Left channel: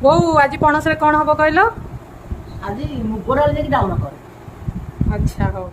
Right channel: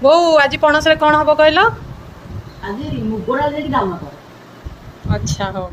ବୋଉ ଆଜି ପଣସରେ କଣ ହବ କହିଲ? ଆଜି ମୁଗ ଡାଲି ଦେଇକି ଡାଲମା କର। ଆଚ୍ଛା ହଉ।